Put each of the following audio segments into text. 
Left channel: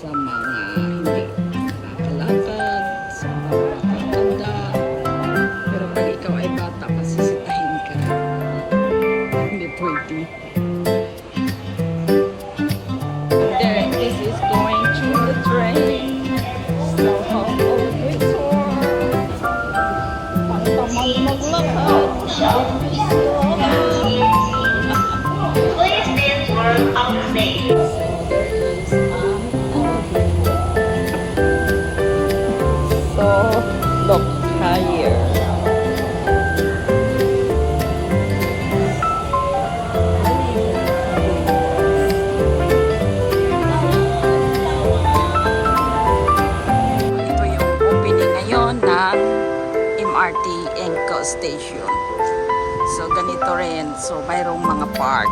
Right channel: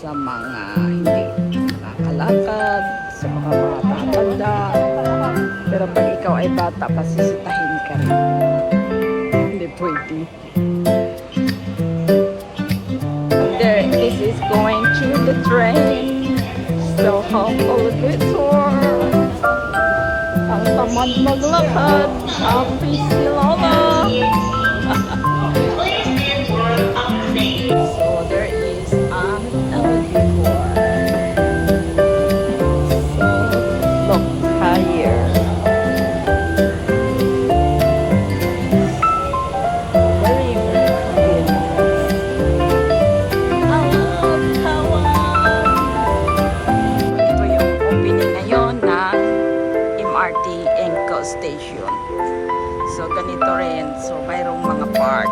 sa mga hindi nakakalakad, sa mga matanda. Pero pag ikaw ay bata, pasisitahin ka rin. Hindi pwede. There, this is going to the train. So humble this one. Ang tamang maglakad. So there is an elevator. So look higher. Very good. Ito yung opening ngayon ng MRT Open Station. So ganito rin. So mayroong mga park.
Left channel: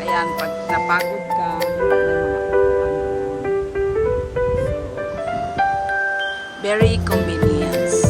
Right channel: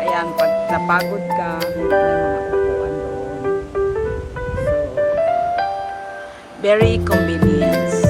Ayan, pag napagod ka, may mga upuan doon. So, very convenience.